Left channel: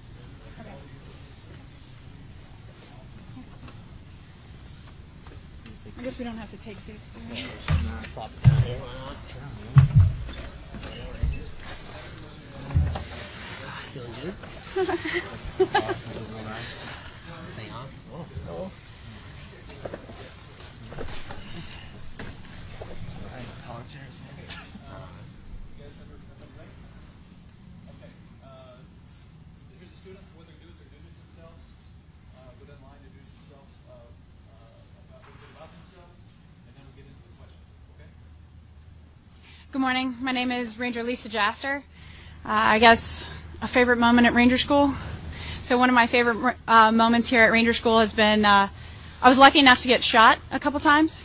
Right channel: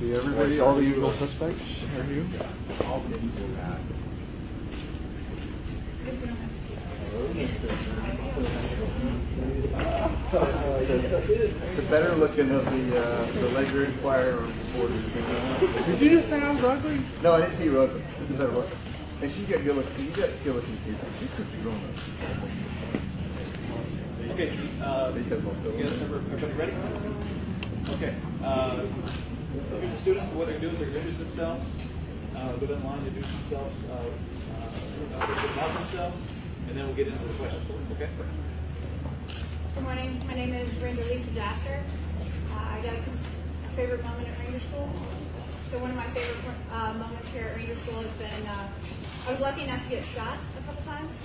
See everybody, all the usual suspects are here. Because we don't have to take seats. The better looking of the Ledger Inquirer. Did you just say I was ugly? No, I didn't say you were ugly. The better looking. And she's got good looking. You got good looking too. Okay, you guys everybody ready? Okay. Here's the students. What they're going to do is they're going to introduce themselves, go down the line, introduce themselves, about themselves, and then we'll get into the questions. Okay? Good morning. My name is Ranger Lisa Jaster. I guess a favorite moment at Ranger School. So one of my favorite moments here at Ranger School has been I was lucky enough to get shot a couple times.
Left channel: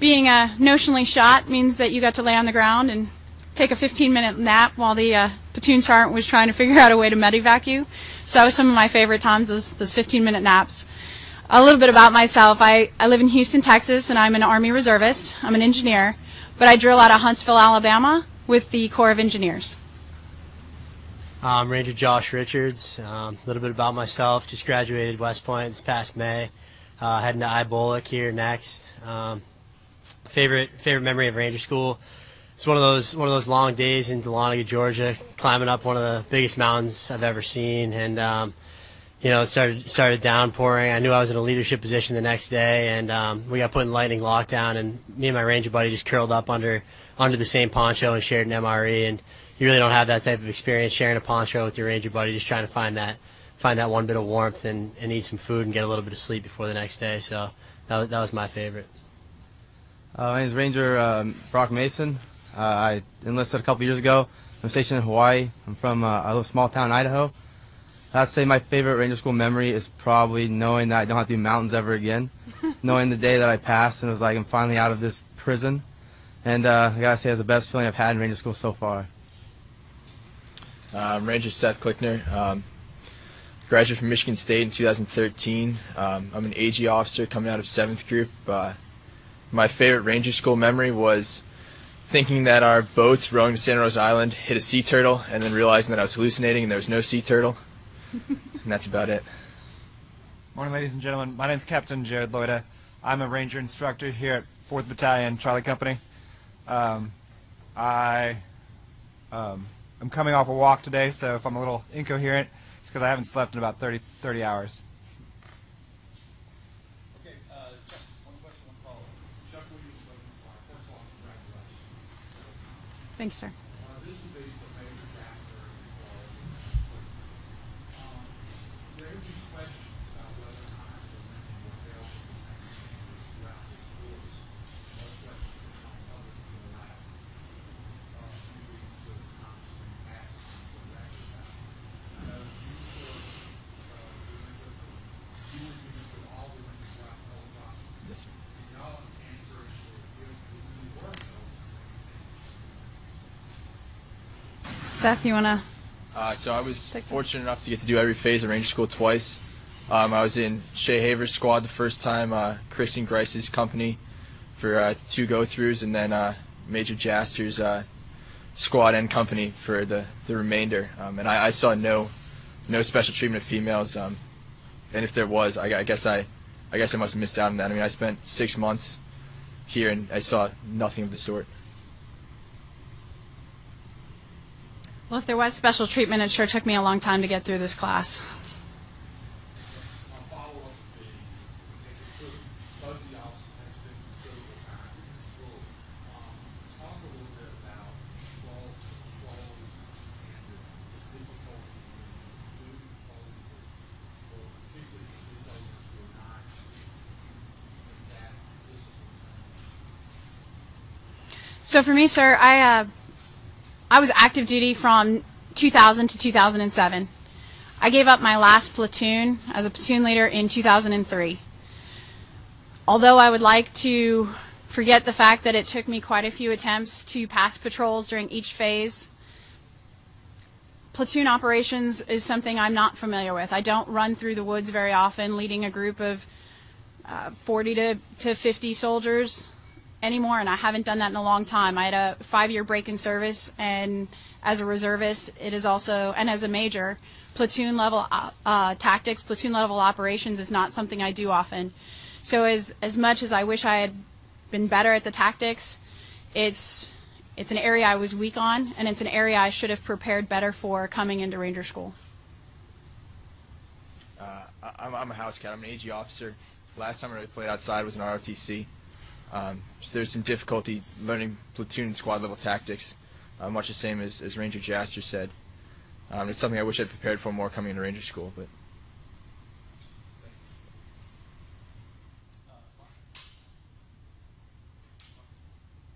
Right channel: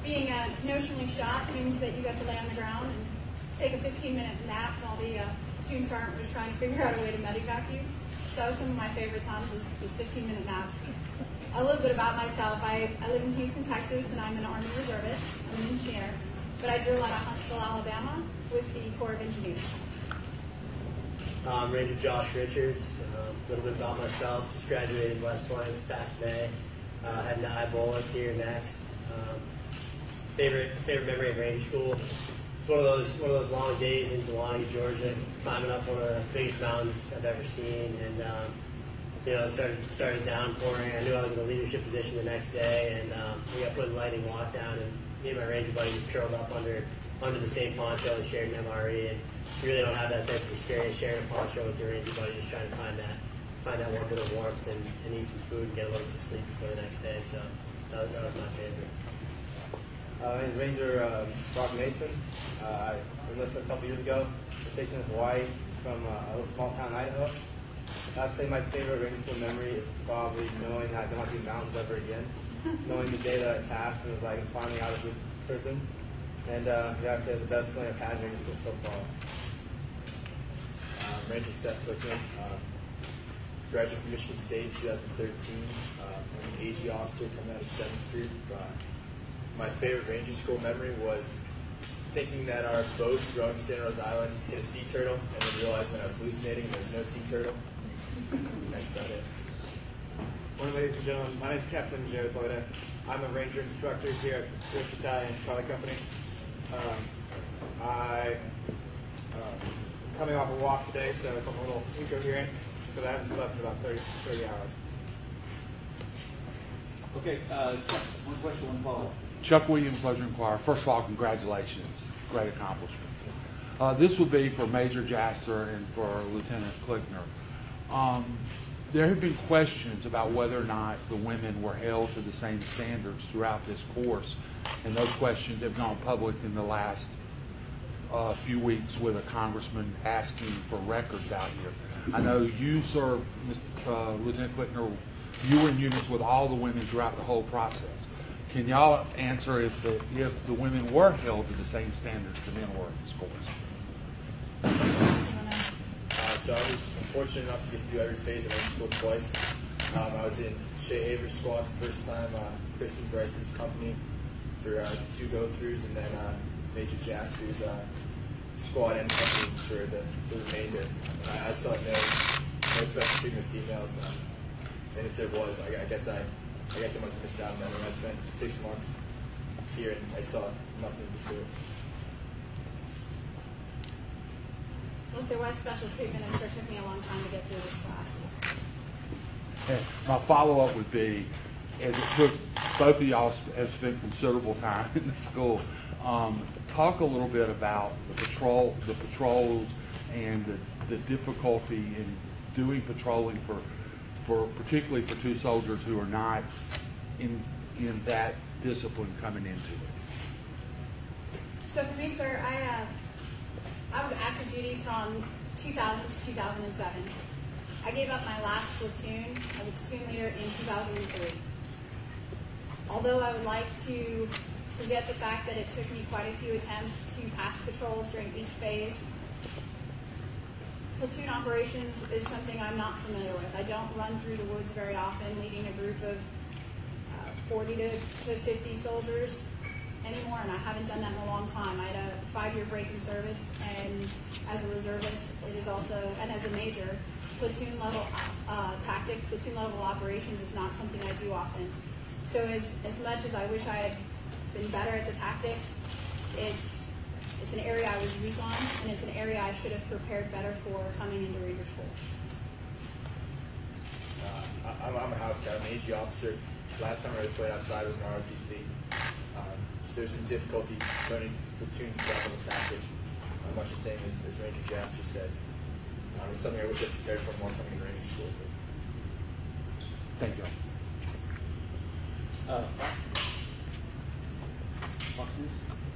Being notionally shot means that you got to lay on the ground and take a 15-minute nap while the platoon sergeant was trying to figure out a way to medevac you. So that was some of my favorite times, those 15-minute naps. A little bit about myself. I live in Houston, Texas, and I'm an Army reservist. I'm an engineer, but I drill out of Huntsville, Alabama with the Corps of Engineers. I'm Ranger Josh Richards. A little bit about myself. Just graduated West Point this past May. Heading to Ibolic here next. Favorite memory of Ranger School. It's one of those long days in Dahlonega, Georgia, climbing up one of the biggest mountains I've ever seen, and you know, it started downpouring. I knew I was in a leadership position the next day, and we got put in lightning lockdown, and me and my Ranger buddy just curled up under the same poncho and shared an MRE, and you really don't have that type of experience sharing a poncho with your Ranger buddy, just trying to find that one bit of warmth and eat some food and get a little bit of sleep before the next day. So that was my favorite. My name is Ranger Brock Mason. I enlisted a couple years ago. I'm stationed in Hawaii. I'm from a little small town in Idaho. I'd say my favorite Ranger School memory is probably knowing that I don't have to do mountains ever again. Knowing the day that I passed and it was like I'm finally out of this prison. And I gotta say it's the best feeling I've had in Ranger School so far. I'm Ranger Seth Klickner. Graduated from Michigan State in 2013. I'm an AG officer coming out of 7th group. My favorite Ranger School memory was thinking that our boats rowing to Santa Rosa Island hit a sea turtle and then realizing that I was hallucinating and there was no sea turtle. And that's about it. Morning, ladies and gentlemen. My name is Captain Jared Loida. I'm a Ranger instructor here at 4th Battalion, Charlie Company. I'm coming off a walk today, so if I'm a little incoherent, it's because I haven't slept in about 30 hours. Okay, one question, one follow-up. Chuck Williams, Ledger Inquirer. First of all, congratulations. Great accomplishment. Thank you, sir. This would be for Major Jaster and for Lieutenant Klickner. There have been questions about whether or not the women were held to the same standards throughout this course, and those questions have gone public in the last few weeks with a congressman asking for records out here. I know you served, Lieutenant Klickner, you were in units with all the women throughout the whole process. Can y'all answer if the women were held to the same standards the men were in this course? Seth, you want to? So I was fortunate enough to get to do every phase of Ranger School twice. I was in Shea Haver's squad the first time, Kristen Grice's company for 2 go-throughs, and then Major Jaster's squad and company for the remainder. And I saw no special treatment of females. And if there was, I guess I must have missed out on that. I mean, I spent 6 months here and I saw nothing of the sort. Well, if there was special treatment, it sure took me a long time to get through this class. And my follow-up would be, as it took both of y'all have spent considerable time in the school, talk a little bit about the patrols and the difficulty in doing patrolling for particularly for 2 soldiers who are not in that discipline coming into it. So for me, sir, I was active duty from 2000 to 2007. I gave up my last platoon as a platoon leader in 2003. Although I would like to forget the fact that it took me quite a few attempts to pass patrols during each phase, platoon operations is something I'm not familiar with. I don't run through the woods very often leading a group of 40 to 50 soldiers anymore, and I haven't done that in a long time. I had a 5-year break in service, and as a reservist, it is also, and as a major, platoon level tactics, platoon level operations is not something I do often. So as much as I wish I had been better at the tactics, it's an area I was weak on, and it's an area I should have prepared better for coming into Ranger School. I'm a house scout, I'm an AG officer. Last time I really played outside was in ROTC. So there's some difficulty learning platoon and squad level tactics, much the same as Ranger Jaster said. It's something I wish I prepared for more coming into Ranger School. But. Thank you. Fox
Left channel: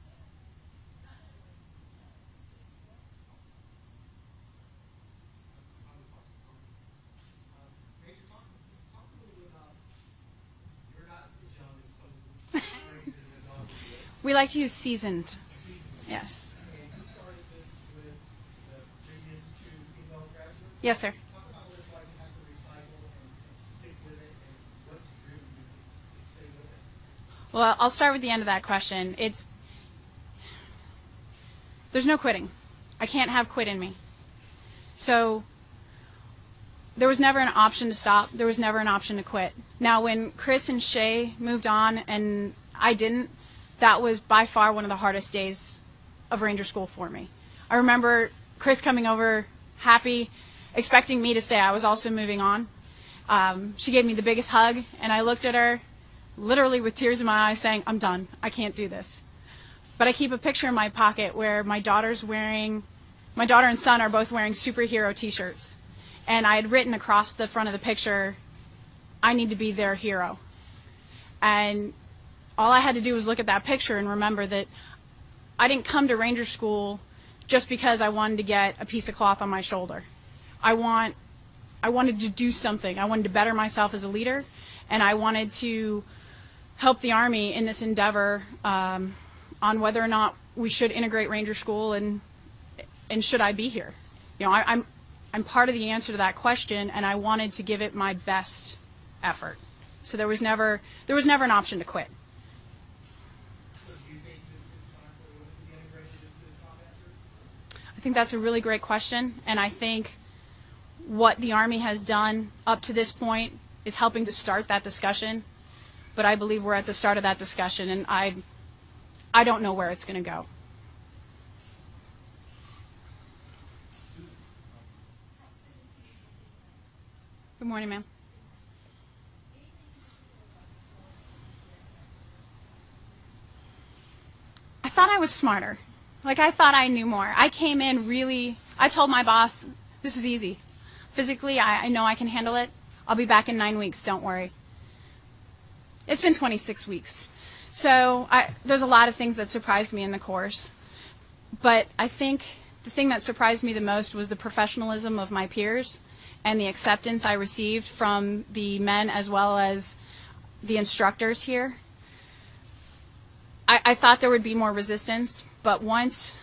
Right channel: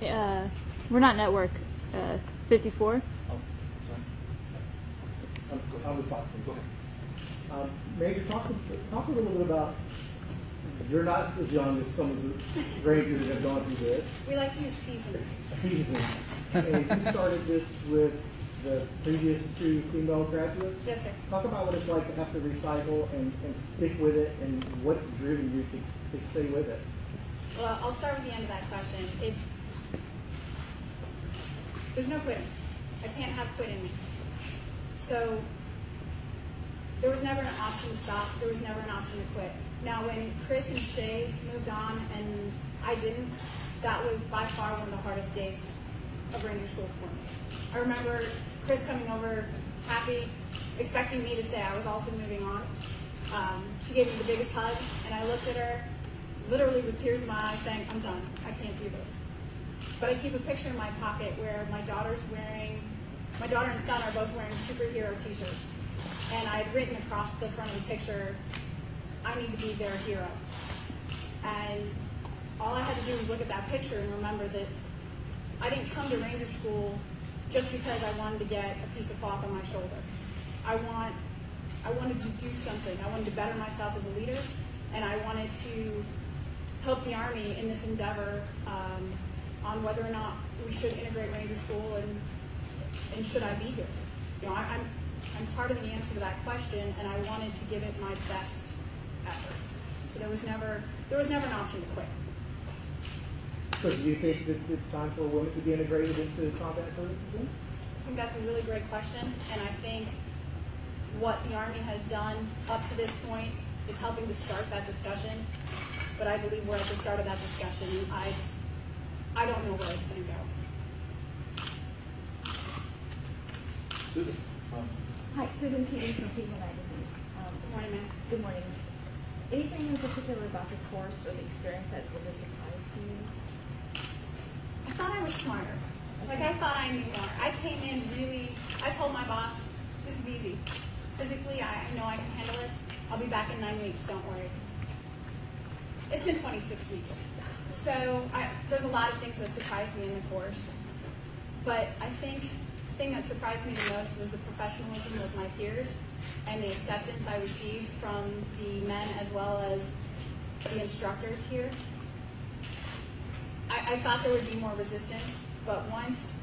News? We're not network. 54. Oh, sorry. I'm with Fox News. Go ahead. Major, talk a little bit about, you're not as young as some of the Rangers that have gone through this. We like to use seasoned. Season. Yes. And you started this with the previous 2 female graduates. Yes, sir. Talk about what it's like to have to recycle and stick with it, and what's driven you to stay with it. Well, I'll start with the end of that question. There's no quitting. I can't have quit in me. So there was never an option to stop. There was never an option to quit. Now, when Chris and Shay moved on and I didn't, that was by far one of the hardest days of Ranger School for me. I remember Chris coming over happy, expecting me to stay. I was also moving on. She gave me the biggest hug, and I looked at her literally with tears in my eyes saying, I'm done. I can't do this. But I keep a picture in my pocket where my daughter and son are both wearing superhero t-shirts. And I had written across the front of the picture, I need to be their hero. And all I had to do was look at that picture and remember that I didn't come to Ranger School just because I wanted to get a piece of cloth on my shoulder. I wanted to do something. I wanted to better myself as a leader, and I wanted to help the Army in this endeavor on whether or not we should integrate Ranger School and should I be here. You know, I'm part of the answer to that question, and I wanted to give it my best effort. So there was never an option to quit. So do you think that it's time for women to be integrated into combat services then? I think that's a really great question, and I think what the Army has done up to this point is helping to start that discussion, but I believe we're at the start of that discussion, and I don't know where it's going to go. Susan? Hi, Susan Keating from People Magazine. Good morning, ma'am. Good morning. Anything in particular about the course or the experience that was a surprise to you? I thought I was smarter. Like, I thought I knew more. I came in I told my boss, this is easy. Physically, I know I can handle it. I'll be back in 9 weeks, don't worry. It's been 26 weeks. So there's a lot of things that surprised me in the course. But I think the thing that surprised me the most was the professionalism of my peers and the acceptance I received from the men as well as the instructors here. I thought there would be more resistance, but once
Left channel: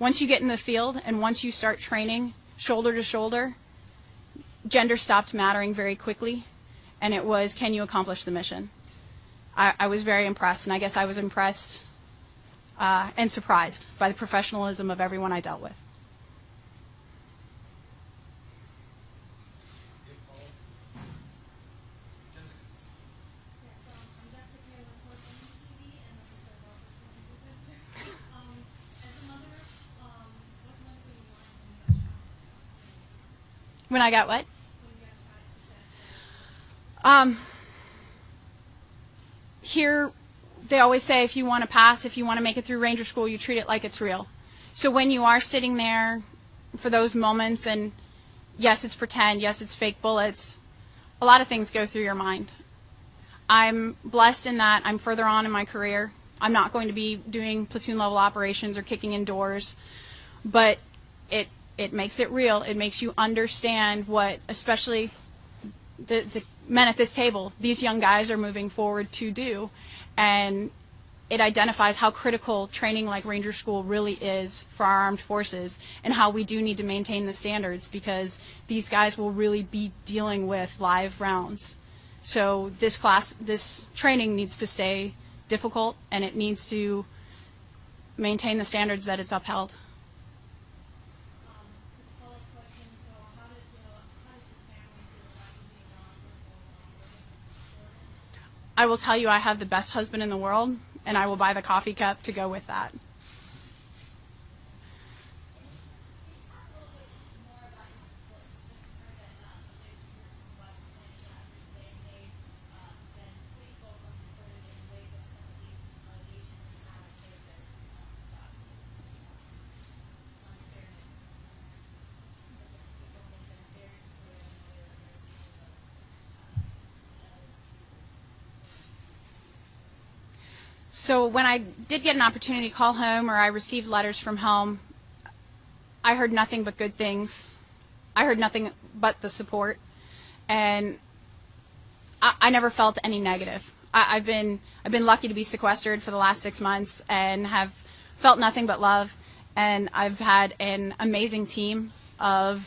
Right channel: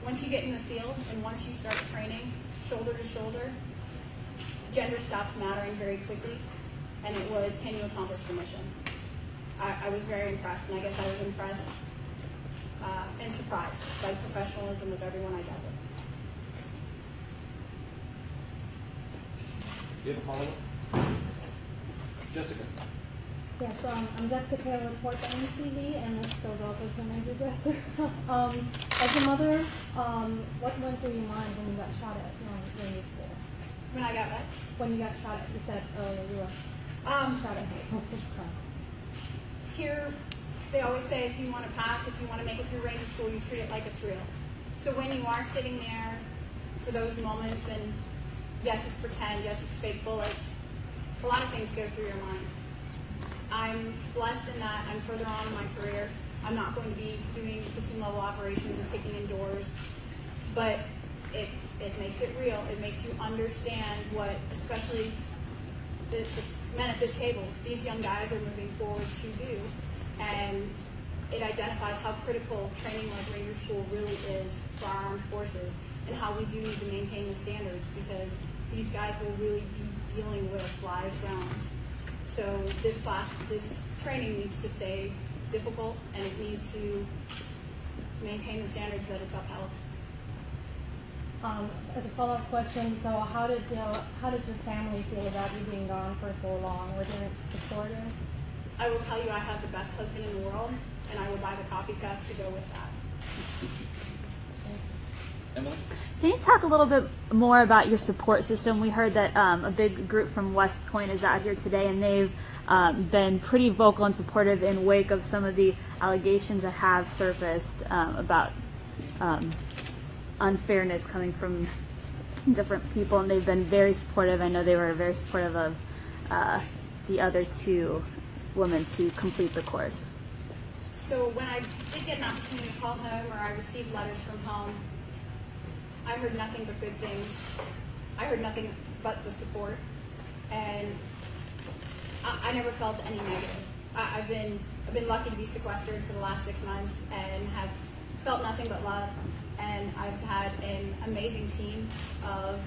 you get in the field and once you start training shoulder to shoulder, gender stopped mattering very quickly, and it was, can you accomplish the mission? I was very impressed, and I guess I was impressed and surprised by the professionalism of everyone I dealt with. Do you have a follow-up? Jessica? Yes, I'm Jessica Taylor, reports on TV, and this goes also to Major Dresser. As a mother, what went through your mind when you got shot at when you were school? When I got what? When you got shot at, you said earlier you were shot at. Here, they always say if you want to pass, if you want to make it through Ranger School, you treat it like it's real. So when you are sitting there for those moments, and yes, it's pretend, yes, it's fake bullets, a lot of things go through your mind. I'm blessed in that I'm further on in my career. I'm not going to be doing platoon level operations or kicking in doors, but it makes it real. It makes you understand what, especially the men at this table, these young guys are moving forward to do, and it identifies how critical training like Ranger School really is for our armed forces, and how we do need to maintain the standards, because these guys will really be dealing with live rounds. So this training needs to stay difficult, and it needs to maintain the standards that it's upheld. as a follow-up question, so how did your family feel about you being gone for so long? Were they supportive? I will tell you I have the best husband in the world, and I will buy the coffee cup to go with that. Emily? Can you talk a little bit more about your support system? We heard that a big group from West Point is out here today, and they've been pretty vocal and supportive in wake of some of the allegations that have surfaced about unfairness coming from different people, and they've been very supportive. I know they were very supportive of the other two women to complete the course. So when I did get an opportunity to call home, or I received letters from home, I heard nothing but good things. I heard nothing but the support, and I never felt any negative. I've been lucky to be sequestered for the last 6 months and have felt nothing but love, and I've had an amazing team of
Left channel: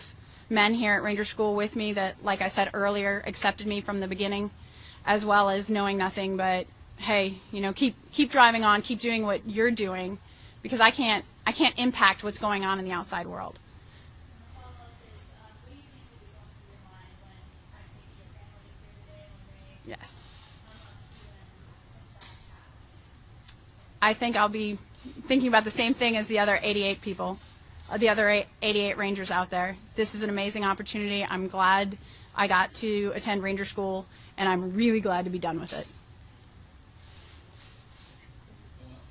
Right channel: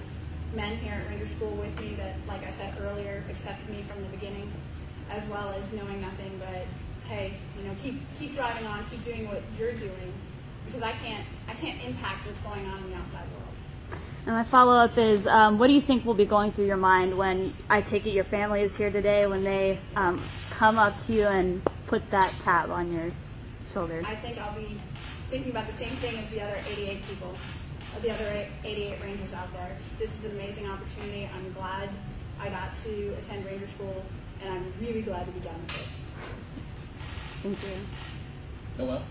men here at Ranger School with me that, like I said earlier, accepted me from the beginning, as well as knowing nothing but, hey, you know, keep driving on, keep doing what you're doing, because I can't impact what's going on in the outside world. And my follow-up is, what do you think will be going through your mind when, I take it your family is here today, when they Yes. come up to you and put that tab on your shoulder? I think I'll be thinking about the same thing as the other 88 people, the other 88 Rangers out there. This is an amazing opportunity. I'm glad I got to attend Ranger School, and I'm really glad to be done with it. Thank you. Noel?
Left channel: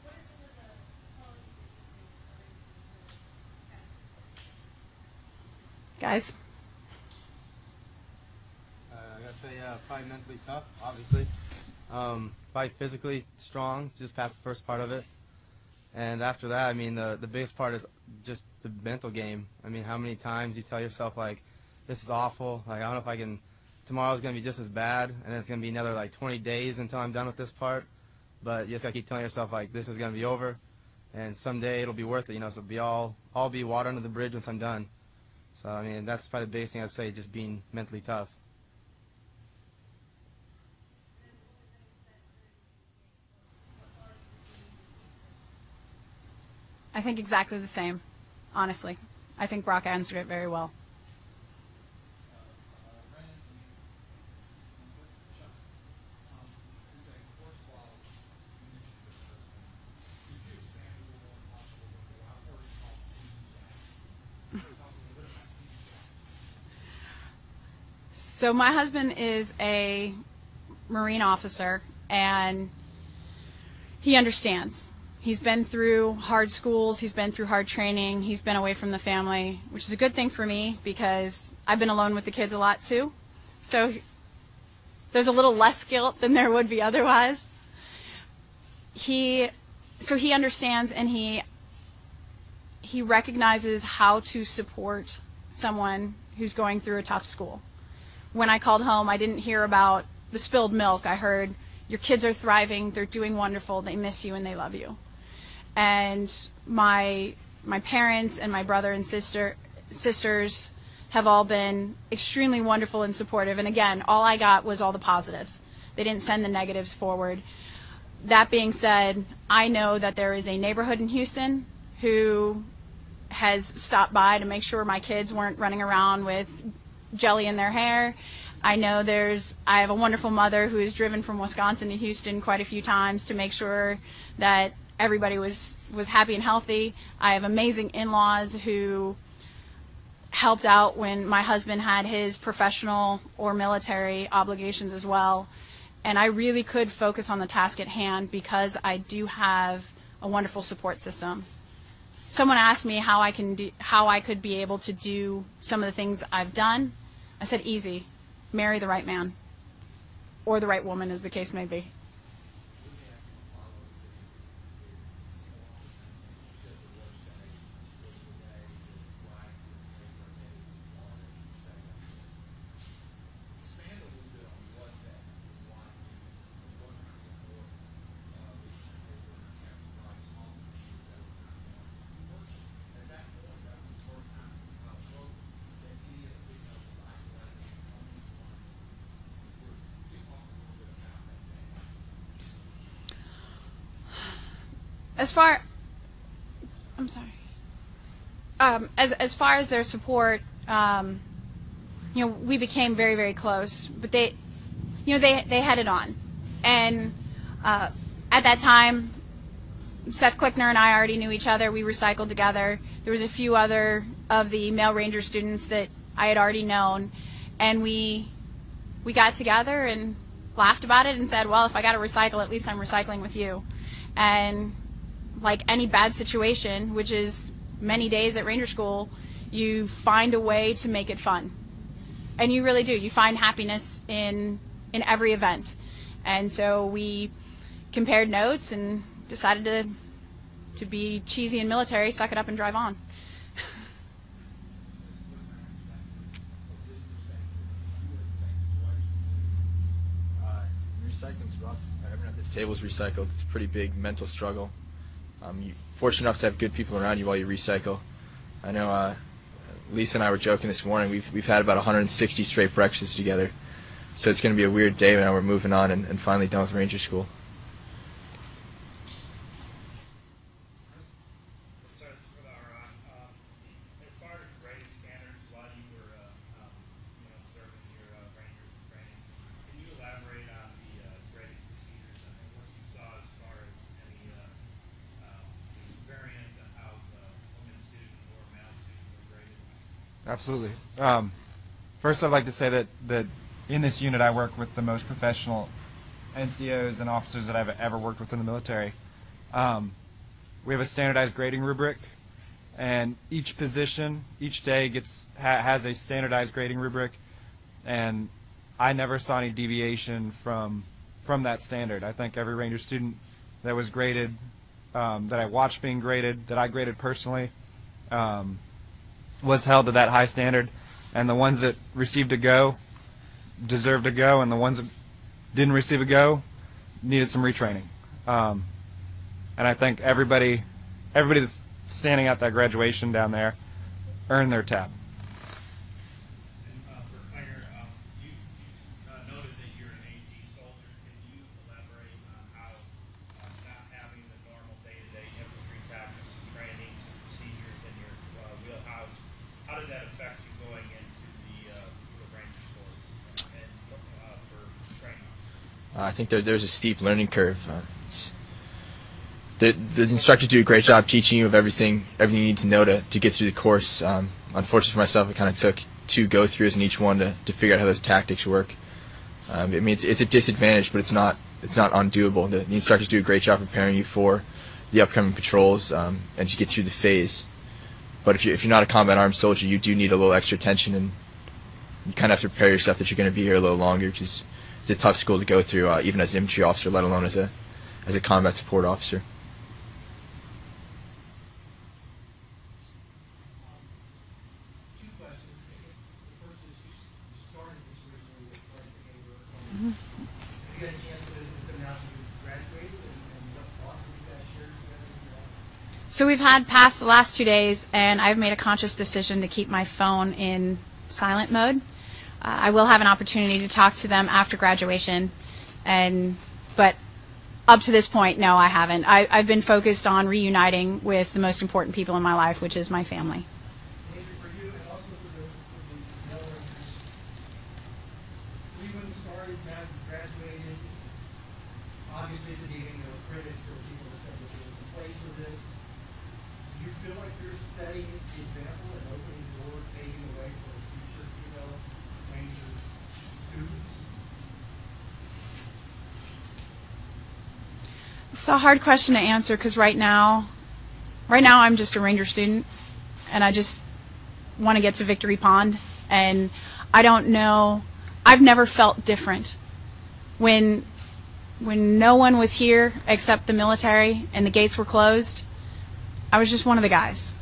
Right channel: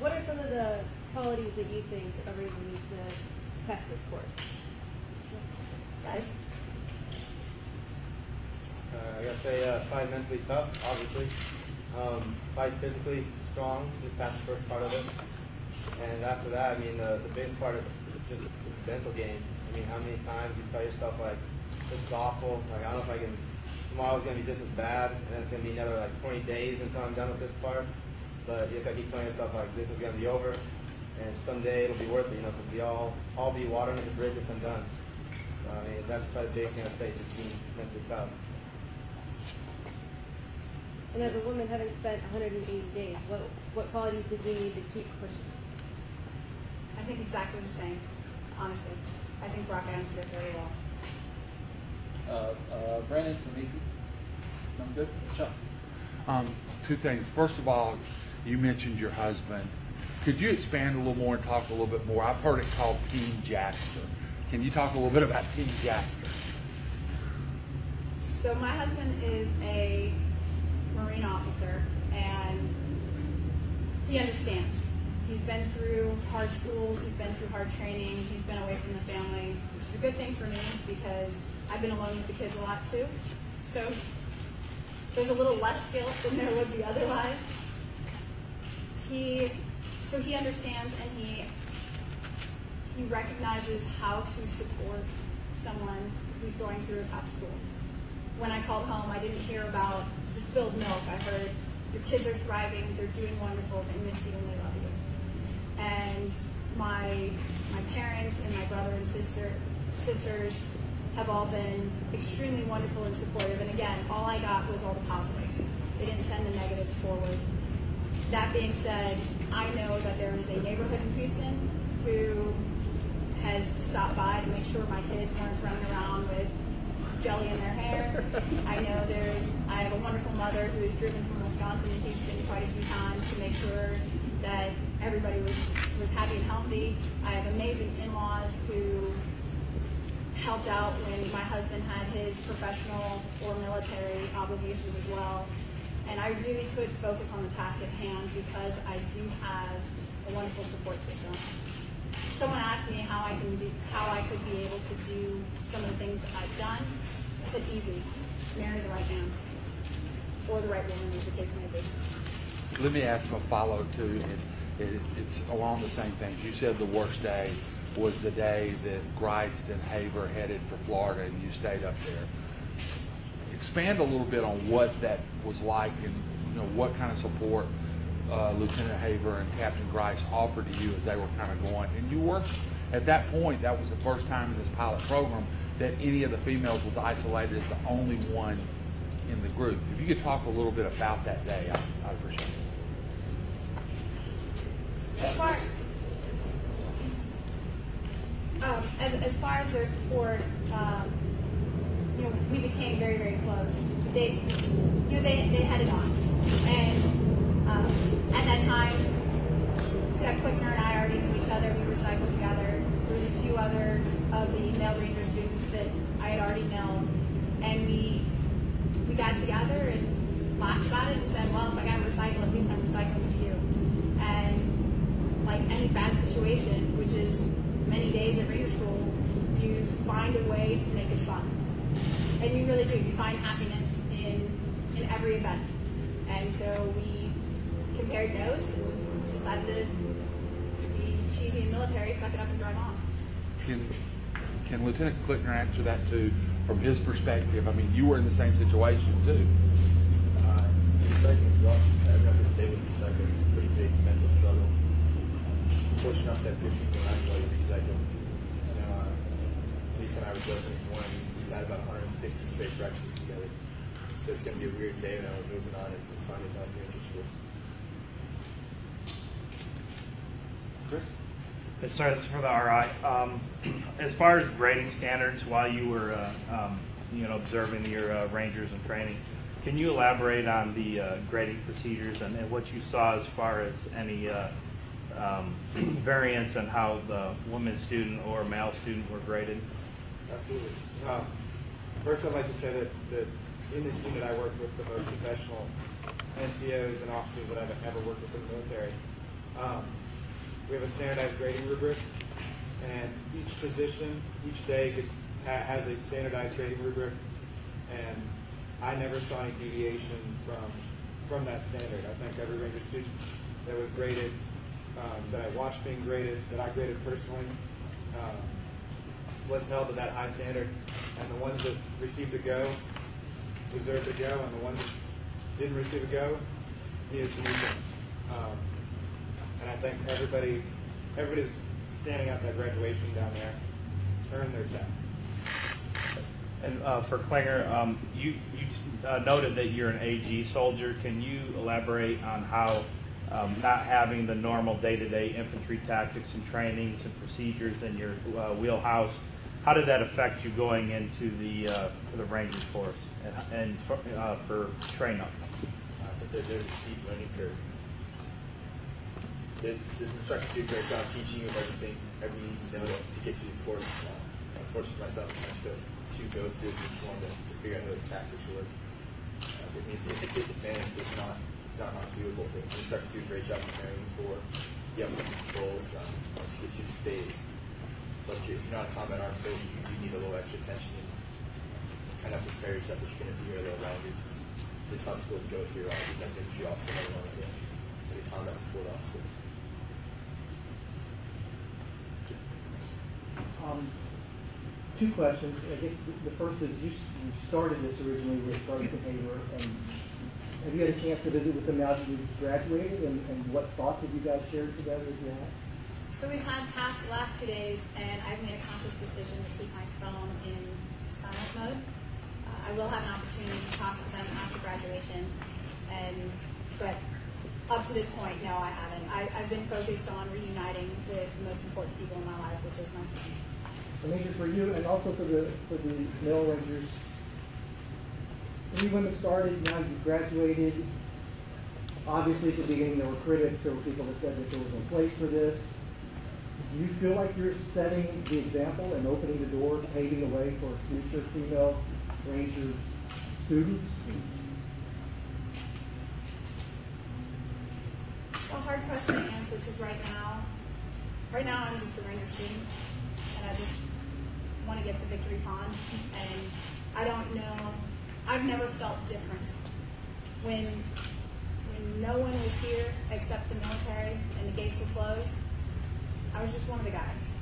What are some of the qualities that you think a Ranger needs to pass this course? Guys? I gotta say, probably mentally tough, obviously. Probably physically strong, just past the first part of it. And after that, I mean, the biggest part is just the mental game. I mean, how many times you tell yourself, like, this is awful, like, I don't know if I can, tomorrow's gonna be just as bad, and then it's gonna be another, like, 20 days until I'm done with this part. But you just gotta keep telling yourself, like, this is gonna be over, and someday it'll be worth it, you know, so we all be water under the bridge once I'm done. So, I mean, that's probably the biggest thing I'd say, just being mentally tough. And as a woman having spent 180 days, what qualities did we need to keep pushing? I think exactly the same, honestly. I think Brock answered it very well. Brandon from EP. I'm good. Chuck. Two things. First of all, you mentioned your husband. Could you expand a little more and talk a little bit more? I've heard it called Team Jaster. Can you talk a little bit about Team Jaster? So my husband is a Marine officer, and he understands. He's been through hard schools, he's been through hard training, he's been away from the family, which is a good thing for me because I've been alone with the kids a lot too. So there's a little less guilt than there would be otherwise. So he understands, and he recognizes how to support someone who's going through a tough school. When I called home, I didn't hear about the spilled milk. I heard, your kids are thriving, they're doing wonderful, they miss you and they love you. And my parents and my brother and sisters have all been extremely wonderful and supportive. And again, all I got was all the positives. They didn't send the negatives forward. That being said, I know that there is a neighborhood in Houston who has stopped by to make sure my kids weren't running around with jelly in their hair. I know I have a wonderful mother who has driven from Wisconsin to Houston quite a few times to make sure that everybody was happy and healthy. I have amazing in-laws who helped out when my husband had his professional or military obligations as well. And I really could focus on the task at hand because I do have a wonderful support system. Someone asked me how I could be able to do some of the things I've done. I said, easy. Marry the right man. Or the right woman, as the case may be. Let me ask a follow too. It's along the same things. You said the worst day was the day that Grice and Haver headed for Florida and you stayed up there. Expand a little bit on what that was like and what kind of support Lieutenant Haver and Captain Grice offered to you as they were kind of going. And you were, at that point, that was the first time in this pilot program that any of the females was isolated as the only one in the group. If you could talk a little bit about that day, I'd appreciate it. As far I'm sorry. As far as their support, you know, we became very, very close. But they, you know, they had it on, and at that time, Seth Klickner and I already knew each other. We recycled together. There was a few other of the male Ranger students that I had already known, and we got together and laughed about it and said, well, if I got to recycle, at least I'm recycling with you. And like any bad situation, which is many days at Ranger School, you find a way to make it fun. And you really do. You find happiness in every event. And so we compared notes and decided to be cheesy and military, suck it up and drive on. Can Lieutenant Klickner answer that too, from his perspective? I mean, you were in the same situation too. Recycling's rough. Everyone at this table is recycled. It's a pretty big mental struggle. Fortunate enough to have good people around you while you recycle. I know Lisa and I were joking this morning. We've had about 160 straight breakfasts together. So it's going to be a weird day when we're moving on and finally done with Ranger School. It starts for the RI. As far as grading standards, while you were you know, observing your Rangers in training, can you elaborate on the grading procedures and what you saw as far as any variance in how the woman student or male student were graded? Absolutely. First, I'd like to say that in this unit I work with the most professional NCOs and officers that I've ever worked with in the military. We have a standardized grading rubric, and each position, each day has a standardized grading rubric, and I never saw any deviation from that standard. I think every Ranger student that was graded, that I watched being graded, that I graded personally, was held to that high standard, and the ones that received a go deserved a go, and the ones that didn't receive a go needed some retraining. And I think everybody that's standing at that graduation down there earned their tap. And for Klinger, you noted that you're an AG soldier. Can you elaborate on how not having the normal day-to-day infantry tactics and trainings and procedures in your wheelhouse, how did that affect you going into for the Rangers force and for training? I think there's a steep learning curve. The instructors do a great job teaching you of everything you need to know to get through the course. Unfortunately for myself, it kind of took 2 go-throughs in each one to figure out how those tactics work. I mean, it's a disadvantage, but it's not undoable. The instructors do a great job preparing you for the upcoming patrols and to get through the phase. But if you're not a combat arms soldier, you do need a little extra attention, and you kind of have to prepare yourself that you're going to be here a little longer, because it's a tough school to go through, even as an infantry officer, let alone as a combat support officer. Two questions. I guess the first is you started this originally with Sergeant Haber, and have you had a chance to visit with them now that you've graduated, and what thoughts have you guys shared together with you? So we've had past the last 2 days, and I've made a conscious decision to keep my phone in silent mode. I will have an opportunity to talk to them after graduation, but up to this point, no, I haven't. I've been focused on reuniting with the most important people in my life, which is my family. Major, for you and also for the male Rangers, when you women started, now you've graduated. Obviously, at the beginning, there were critics. There were people that said that there was no place for this. Do you feel like you're setting the example and opening the door, paving the way for future female Ranger students? It's a hard question to answer, because right now I'm just a Ranger student, and I just want to get to Victory Pond, and I don't know, I've never felt different. When no one was here except the military and the gates were closed, I was just one of the guys.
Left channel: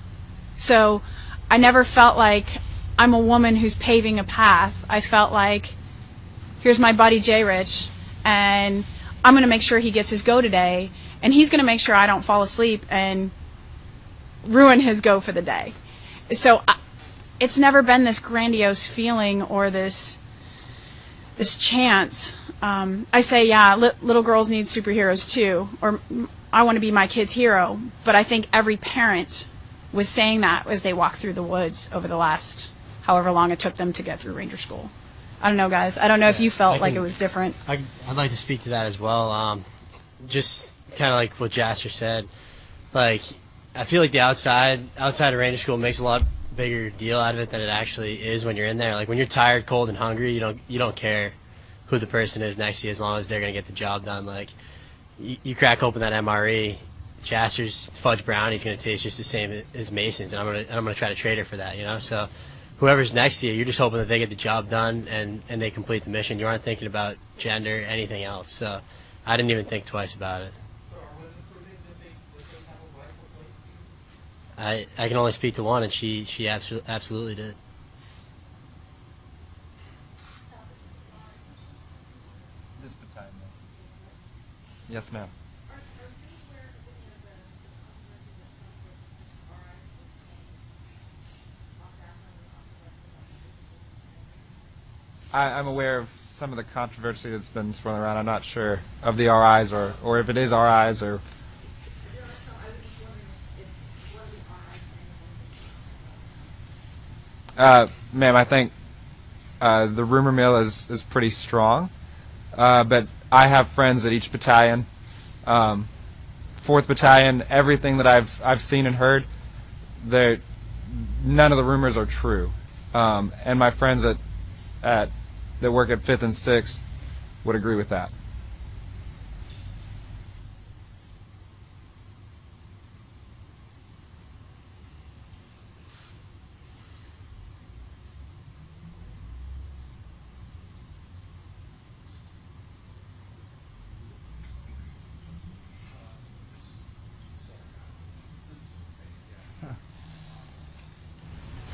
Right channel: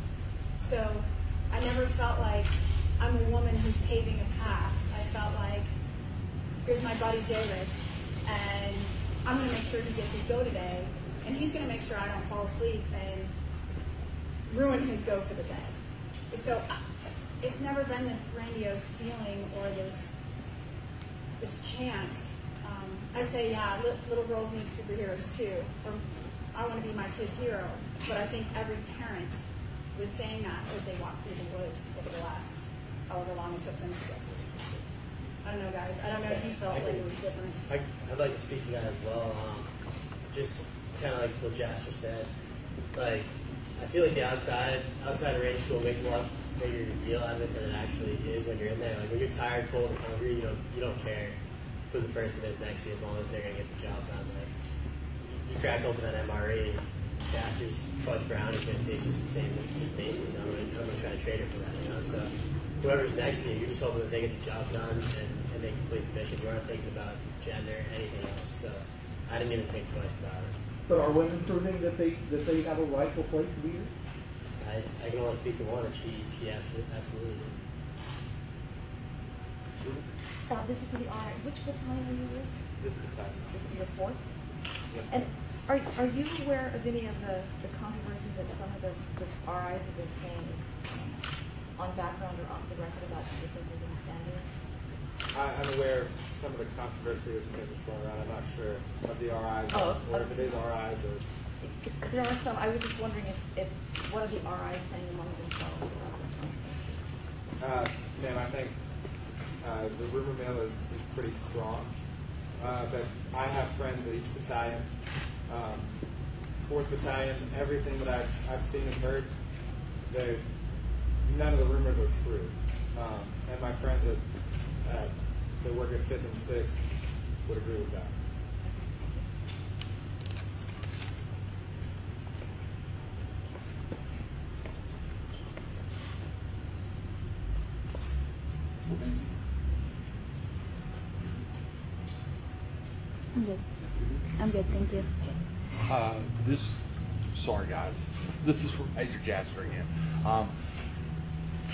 So I never felt like I'm a woman who's paving a path. I felt like, here's my buddy Jay Rich, and I'm going to make sure he gets his go today, and he's going to make sure I don't fall asleep and ruin his go for the day. So it's never been this grandiose feeling or this chance. I say, yeah, little girls need superheroes too, or I want to be my kid's hero, but I think every parent was saying that as they walked through the woods over the last however long it took them to get through Ranger School. I don't know, guys. I don't know if you felt like it was different. I'd like to speak to that as well. Just kind of like what Jasper said. Like, I feel like the outside of Ranger School makes a lot bigger deal out of it than it actually is when you're in there. Like, when you're tired, cold, and hungry, you don't care who the person is next to you as long as they're going to get the job done. Like, you crack open that MRE, Jasper's fudge brownie's going to taste just the same as Mason's, and I'm going to try to trade her for that, you know? So whoever's next to you, you're just hoping that they get the job done and they complete the mission. You aren't thinking about gender, anything else. So I didn't even think twice about it. But are women proving that they have a rightful place to be here? I can only speak to one, and she absolutely did. This is for the RI. Which battalion are you with? This battalion. This is your 4th? Yes, ma'am. Are you aware of any of the controversies that some of the RIs have been saying on background or off the record about the differences in standards? I'm aware of some of the controversy that's been swirling around. I'm not sure of the RIs or if it is RIs or. There are some. I was just wondering if what are the RIs saying among themselves about this? Ma'am, I think the rumor mill is pretty strong, but I have friends at each battalion. 4th Battalion, everything that I've seen and heard, none of the rumors are true. And my friends that work at 5th and 6th would agree with that. I'm good, thank you. Sorry guys, this is from Major Jasper again.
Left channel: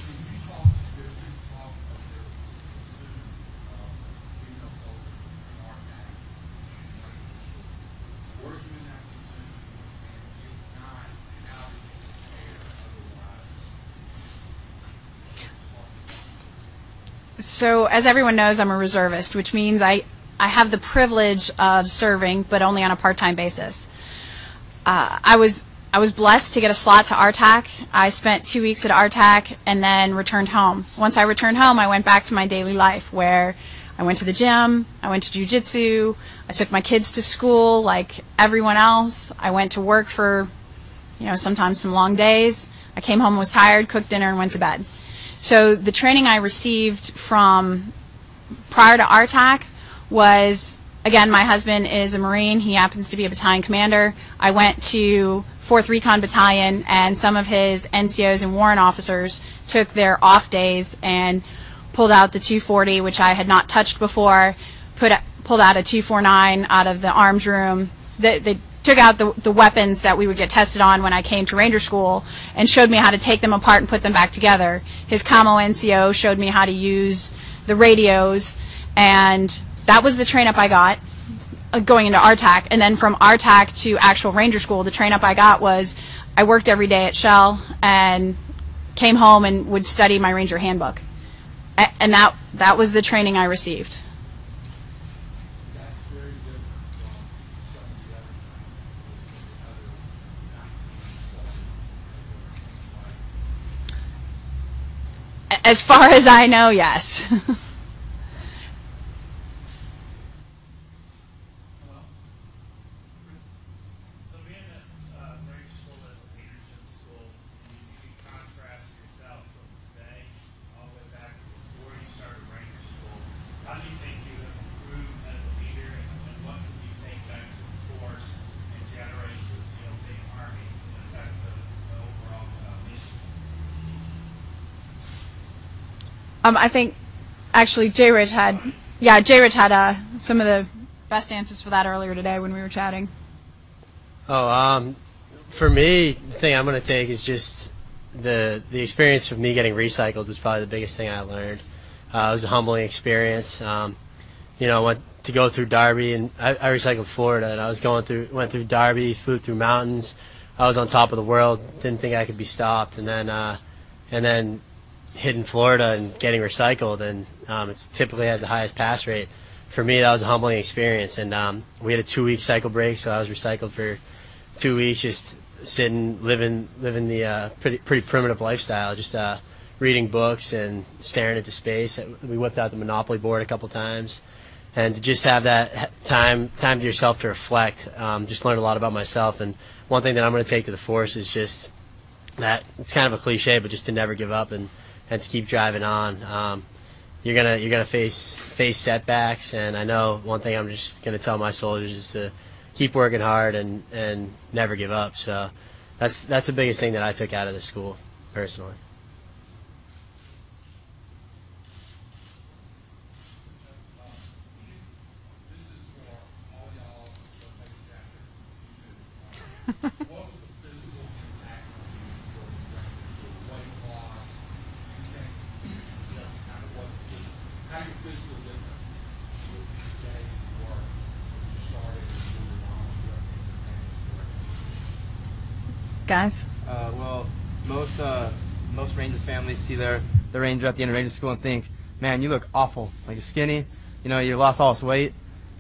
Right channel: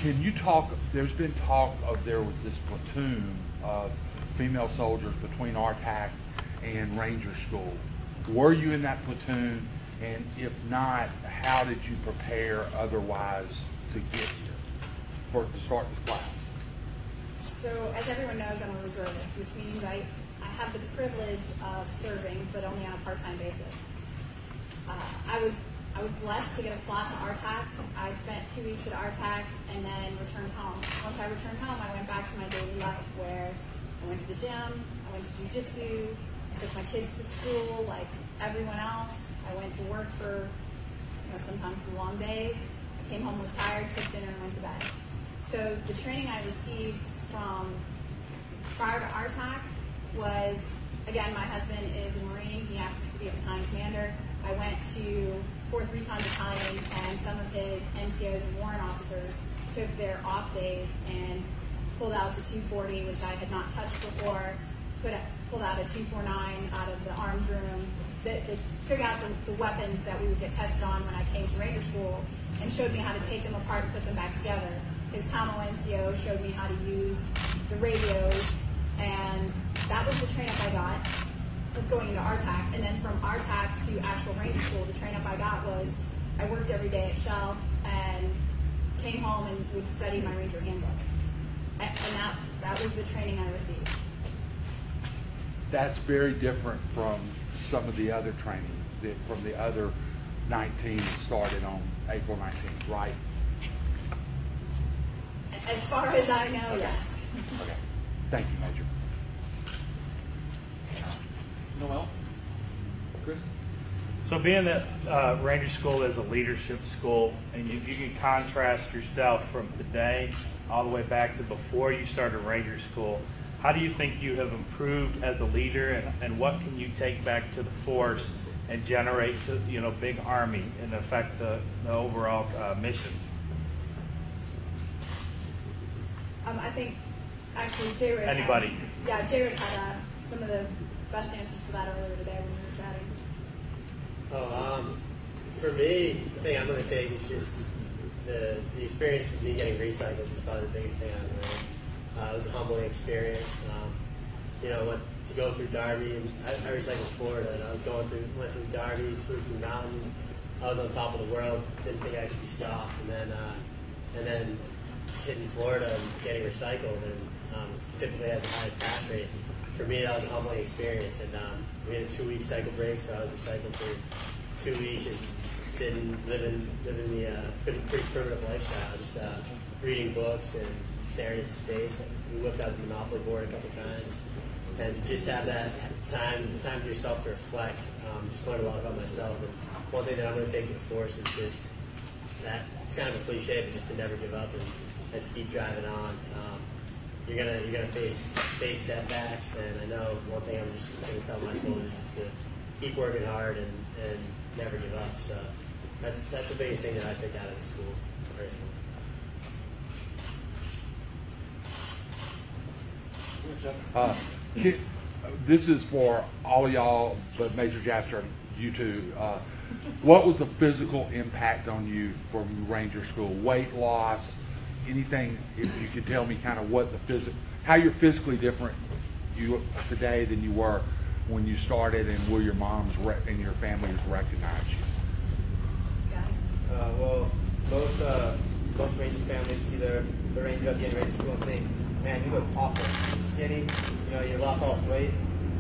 Can you talk, there's been talk of there was this platoon of female soldiers between RTAC and Ranger School. Were you in that platoon? And if not, how did you prepare otherwise to start this class? So as everyone knows, I'm a reservist, which means I have the privilege of serving, but only on a part-time basis. I was blessed to get a slot to RTAC. I spent 2 weeks at RTAC and then returned home. Once I returned home, I went back to my daily life where I went to the gym, I went to jiu-jitsu, I took my kids to school like everyone else. I went to work for, sometimes some long days. I came home, was tired, cooked dinner, and went to bed. So the training I received from prior to RTAC was, again, my husband is a Marine. He happens to be a battalion commander. I went to 4th Recon Battalion, and some of his NCOs and warrant officers took their off days and pulled out the 240, which I had not touched before, pulled out a 249 out of the arms room. They took out the weapons that we would get tested on when I came to Ranger School and showed me how to take them apart and put them back together. His Camo NCO showed me how to use the radios, and that was the train-up I got going into RTAC. And then from RTAC to actual Ranger School, the train-up I got was I worked every day at Shell and came home and would study my Ranger handbook. And that was the training I received. That's very different from some of the other training, from the other 19 that started on April 19th, right? As far as I know, yes. Okay. Thank you, Major. Noel? Chris? So being that Ranger School is a leadership school, and you can contrast yourself from today all the way back to before you started Ranger School, how do you think you have improved as a leader, and what can you take back to the force and generate to big Army and affect the overall mission? I think actually J-Rich had some of the best answers for that earlier today when we were chatting. For me, the thing I'm going to take is just the experience of me getting recycled was probably the biggest thing I learned. It was a humbling experience. Went to go through Darby, and I recycled Florida, and I went through Darby, flew through mountains. I was on top of the world, didn't think I could be stopped, and then hitting Florida and getting recycled, and it typically has the highest pass rate. For me, that was a humbling experience, and we had a 2-week cycle break, so I was recycled for 2 weeks just sitting, living the pretty primitive lifestyle, just reading books and staring into space. We whipped out the Monopoly board a couple times, and to just have that time to yourself to reflect. Just learned a lot about myself, and one thing that I'm going to take to the force is just that it's kind of a cliche, but just to never give up and to keep driving on. You're gonna face setbacks, and I know one thing I'm just gonna tell my soldiers is to keep working hard and never give up. So that's the biggest thing that I took out of the school personally. This is for all of y'all, but Major Jasper, you too. What was the physical impact on you from Ranger School? Weight loss, anything? If you could tell me kind of what the how you're physically different today than you were when you started, and where your moms and your families recognize you. Guys? Well, most Ranger families see their Ranger at the end of Ranger School and think, man, you look awful. You're skinny. You know, you lost all this weight.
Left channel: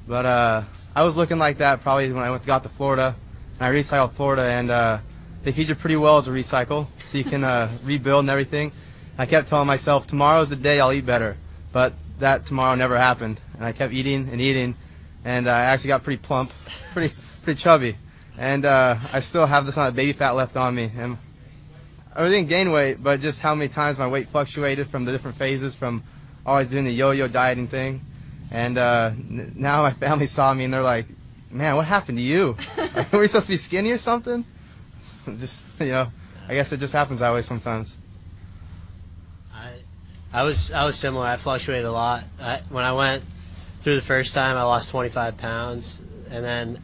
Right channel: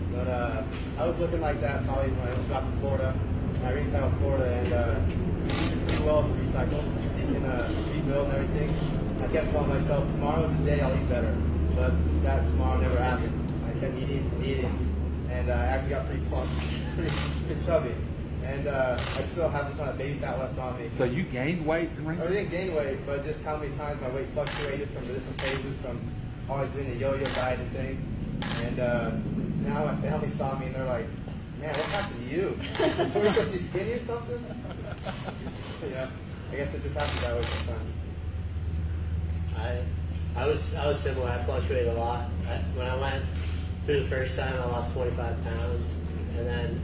But I was looking like that probably when I got to Florida. And I recycled Florida, and they teach you pretty well as a recycle, so you can rebuild and everything. I kept telling myself, tomorrow's the day I'll eat better. But that tomorrow never happened. And I kept eating and eating, and I actually got pretty plump, pretty chubby. And I still have this amount of baby fat left on me. So you gained weight? I didn't gain weight, but just how many times my weight fluctuated from the different phases, from always doing the yo-yo dieting thing. And now my family saw me and they're like, man, what happened to you? Were we supposed to be skinny or something? Just, you know, I guess it just happens that way sometimes. I was similar. I fluctuated a lot. When I went through the first time, I lost 25 pounds. And then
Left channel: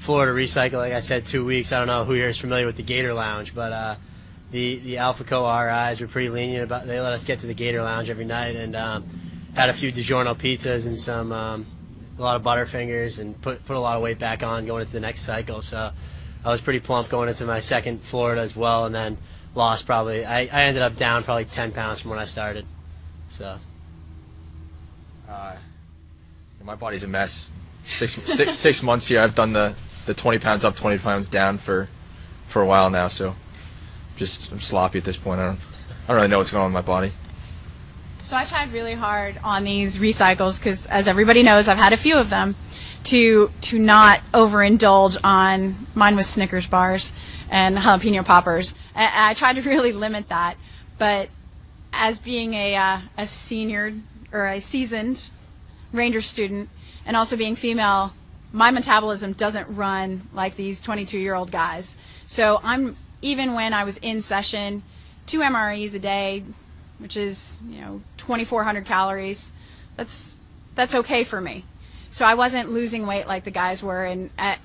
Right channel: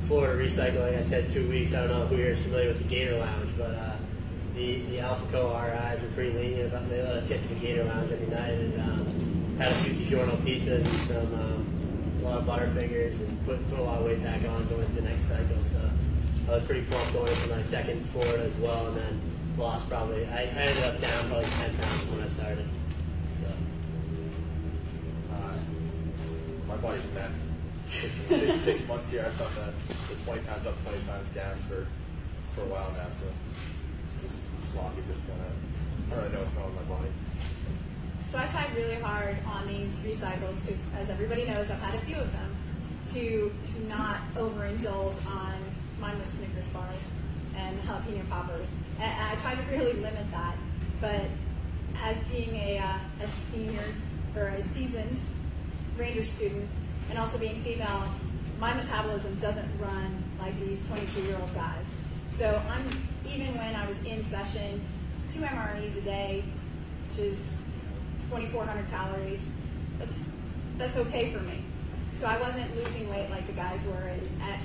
Florida recycle, like I said, 2 weeks. I don't know who here is familiar with the Gator Lounge, but the Alpha Co RIs were pretty lenient about. They let us get to the Gator Lounge every night, and had a few DiGiorno pizzas and some a lot of Butterfingers, and put a lot of weight back on going into the next cycle. So I was pretty plump going into my second Florida as well, and then lost probably. I ended up down probably 10 pounds from when I started. So my body's a mess. Six months here. I've done the 20 pounds up, 20 pounds down for a while now. So I'm sloppy at this point. I don't really know what's going on with my body. So I tried really hard on these recycles because, as everybody knows, I've had a few of them, to not overindulge on. Mine was Snickers bars and jalapeno poppers. And I tried to really limit that. But as being a senior or a seasoned Ranger student, and also being female, my metabolism doesn't run like these 22-year-old guys. So even when I was in session, 2 MREs a day, which is 2,400 calories, that's okay for me. So I wasn't losing weight like the guys were, and at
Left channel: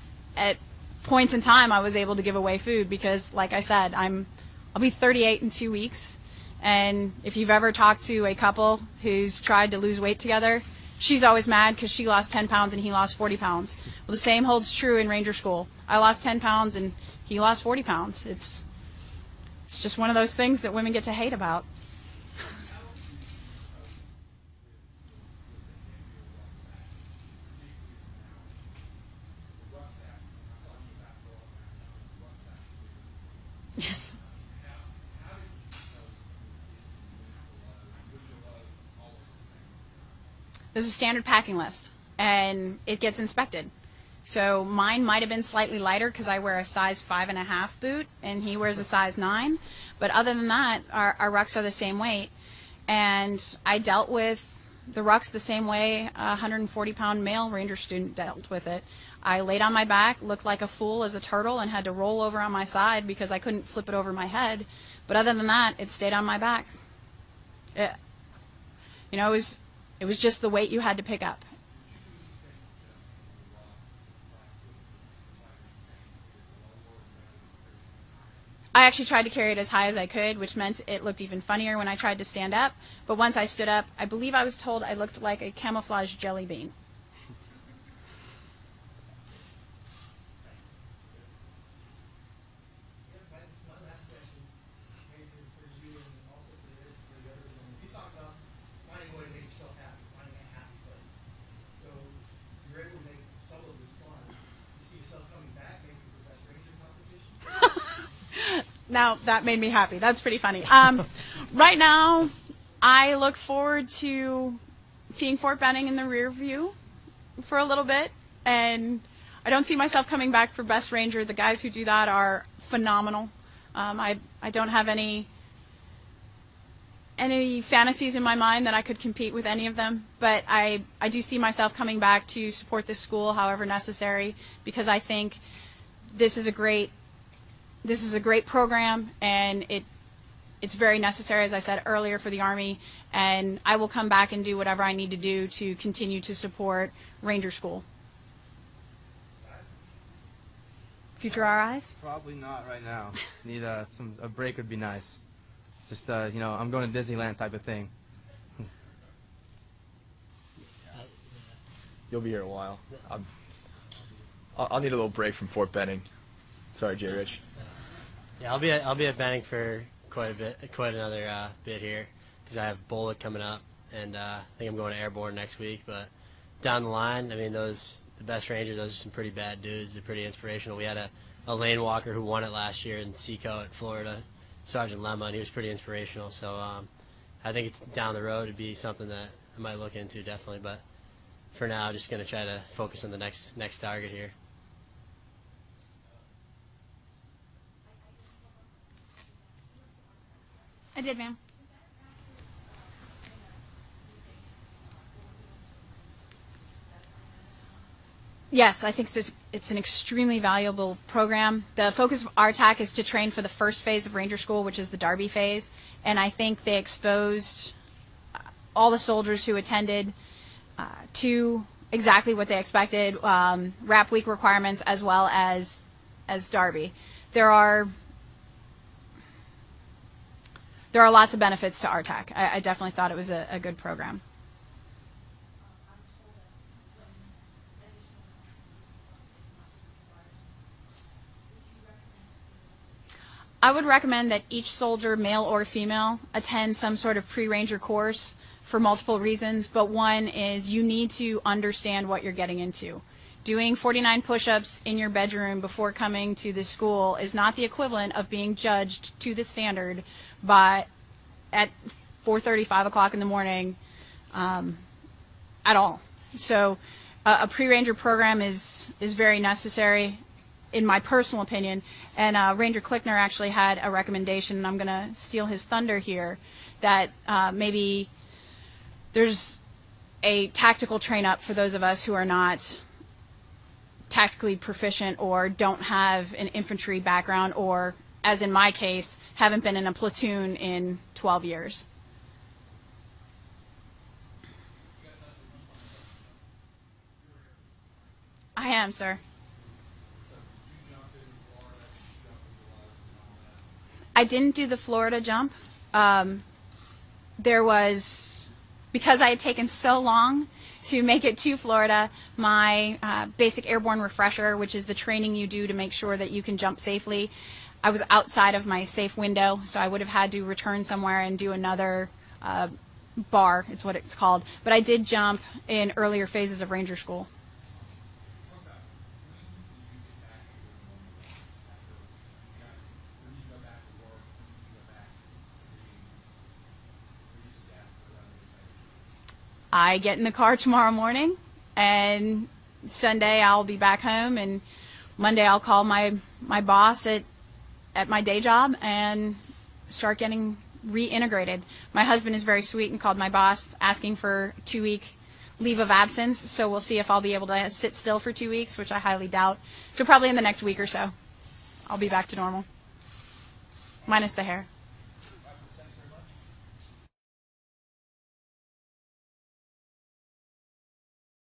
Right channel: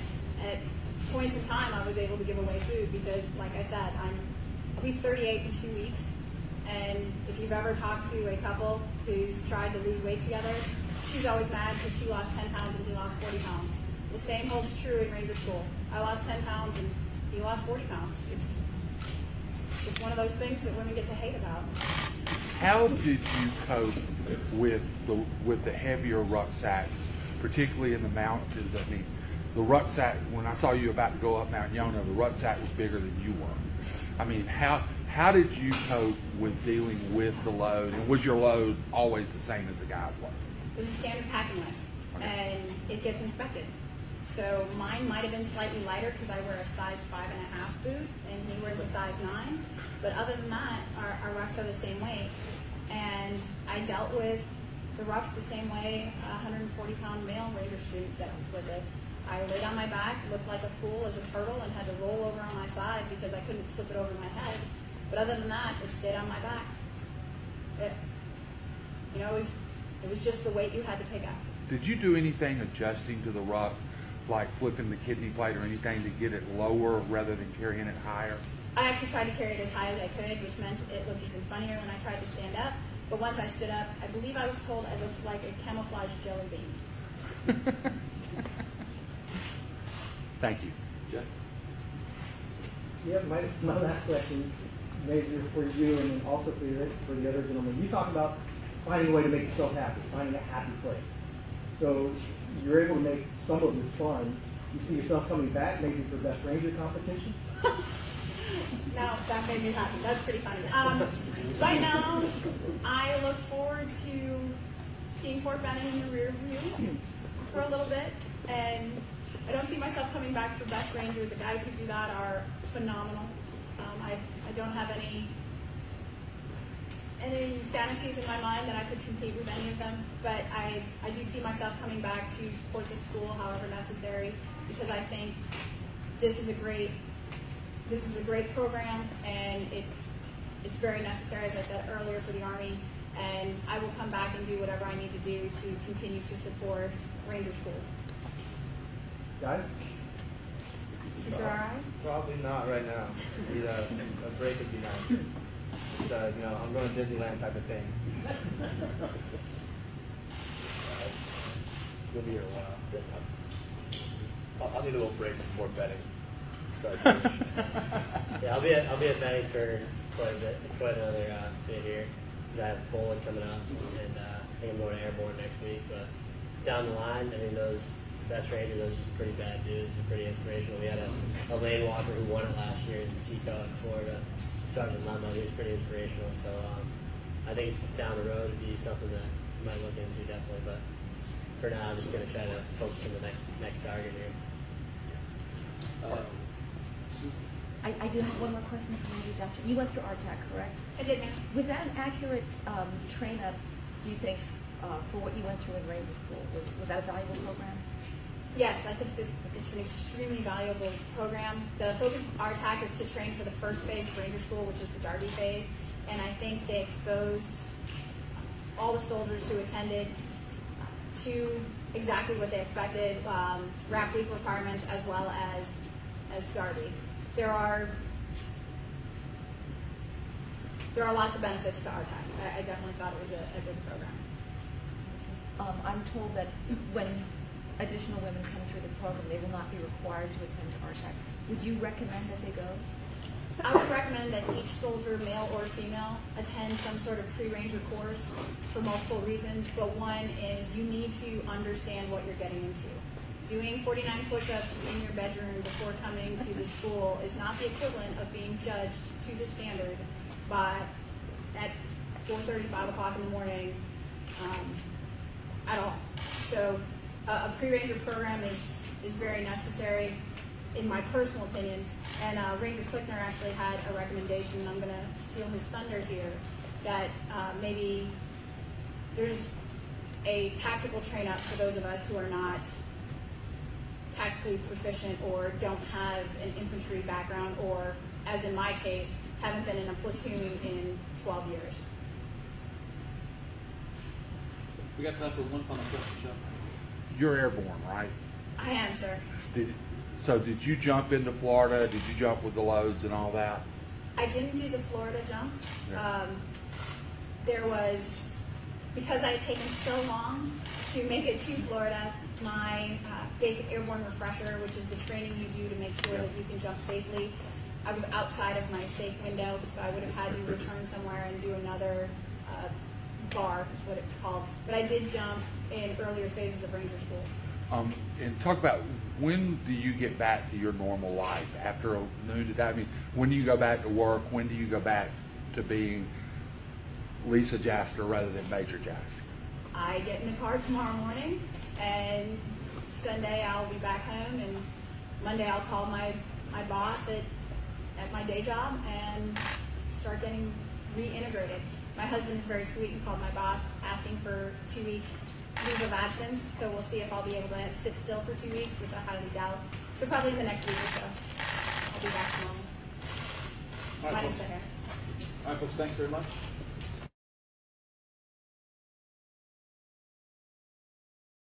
points in time I was able to give away food because, like I said, I'll be 38 in 2 weeks, and if you've ever talked to a couple who's tried to lose weight together, she's always mad because she lost 10 pounds and he lost 40 pounds. Well, the same holds true in Ranger School. I lost 10 pounds and he lost 40 pounds. It's just one of those things that women get to hate about. How did you cope with the heavier rucksacks, particularly in the mountains? I mean, the rucksack, when I saw you about to go up Mount Yona, the rucksack was bigger than you were. Yes. I mean, how did you cope with dealing with the load? And was your load always the same as the guys' load? There's a standard packing list, and it gets inspected. So mine might have been slightly lighter because I wear a size 5.5 boot, and he wears a size 9. But other than that, our rucks are the same weight. And I dealt with the rucks the same way a 140-pound male Ranger student dealt with it. I laid on my back, looked like a fool as a turtle, and had to roll over on my side because I couldn't flip it over my head. But other than that, it stayed on my back. It was just the weight you had to pick up. Did you do anything adjusting to the ruck, like flipping the kidney plate or anything to get it lower rather than carrying it higher? I actually tried to carry it as high as I could, which meant it looked even funnier when I tried to stand up. But once I stood up, I believe I was told I looked like a camouflage jelly bean. Thank you. Jeff? Yeah, my last question, Major, for you and then also for the other gentleman. You talk about finding a way to make yourself happy, finding a happy place. So you're able to make some of this fun. you see yourself coming back maybe for Best Ranger competition? Now, that made me happy. That's pretty funny. Right now, I look forward to seeing Fort Benning in the rear view for a little bit, and I don't see myself coming back for Best Ranger. The guys who do that are phenomenal. I don't have any fantasies in my mind that I could compete with any of them, but I do see myself coming back to support this school however necessary, because I think this is a great program, and it's very necessary, as I said earlier, for the Army, and I will come back and do whatever I need to do to continue to support Ranger School. Guys? Future RIs? Probably not right now. Need a break would be nice. Just you know, I'm going to Disneyland type of thing. You'll be here a while. I'll need a little break from Fort Benning. Sorry, Jay Rich. Yeah, I'll be at Benning for quite another bit here, because I have bowling coming up, and I think I'm going to Airborne next week. But down the line, I mean, the Best Rangers, those are some pretty bad dudes. They're pretty inspirational. We had a lane walker who won it last year in Seco in Florida, Sergeant Lemon. He was pretty inspirational. So I think it's down the road to be something that I might look into, definitely. But for now, I'm just going to try to focus on the next target here. I do have one more question for you, Doctor. You went through RTAC, correct? I did, ma'am. Was that an accurate train-up, do you think, for what you went through in Ranger School? Was that a valuable program? Yes, I think it's an extremely valuable program. The focus of RTAC is to train for the first phase of Ranger School, which is the Derby phase, and I think they exposed all the soldiers who attended to exactly what they expected, RAP week requirements as well as Derby. There are lots of benefits to RTAC. I definitely thought it was a good program. I'm told that when additional women come through the program, they will not be required to attend RTAC. Would you recommend that they go? I would recommend that each soldier, male or female, attend some sort of pre-Ranger course for multiple reasons, but one is you need to understand what you're getting into. Doing 49 push-ups in your bedroom before coming to the school is not the equivalent of being judged to the standard at 4:30, 5 o'clock in the morning at all. So a pre-Ranger program is very necessary, in my personal opinion. And Ranger Klickner actually had a recommendation, and I'm going to steal his thunder here, that maybe there's a tactical train-up for those of us who are not tactically proficient or don't have an infantry background, or, as in my case, haven't been in a platoon in 12 years. We got time for one final question, Chuck. You're airborne, right? I am, sir. So did you jump into Florida? Did you jump with the loads and all that? I didn't do the Florida jump. Because I had taken so long to make it to Florida, my basic airborne refresher, which is the training you do to make sure that you can jump safely, I was outside of my safe window, so I would have had to return somewhere and do another bar, is what it's called. But I did jump in earlier phases of Ranger School. And talk about, when do you get back to your normal life after noon today? I mean, when do you go back to work? When do you go back to being Lisa Jaster rather than Major Jaster? I get in the car tomorrow morning, and Sunday I'll be back home, and Monday I'll call my boss at my day job and start getting reintegrated. My husband is very sweet and called my boss asking for 2-week leave of absence, so we'll see if I'll be able to sit still for 2 weeks, which I highly doubt. So probably in the next week or so, I'll be back to normal, minus the hair. All right, folks, thanks very much.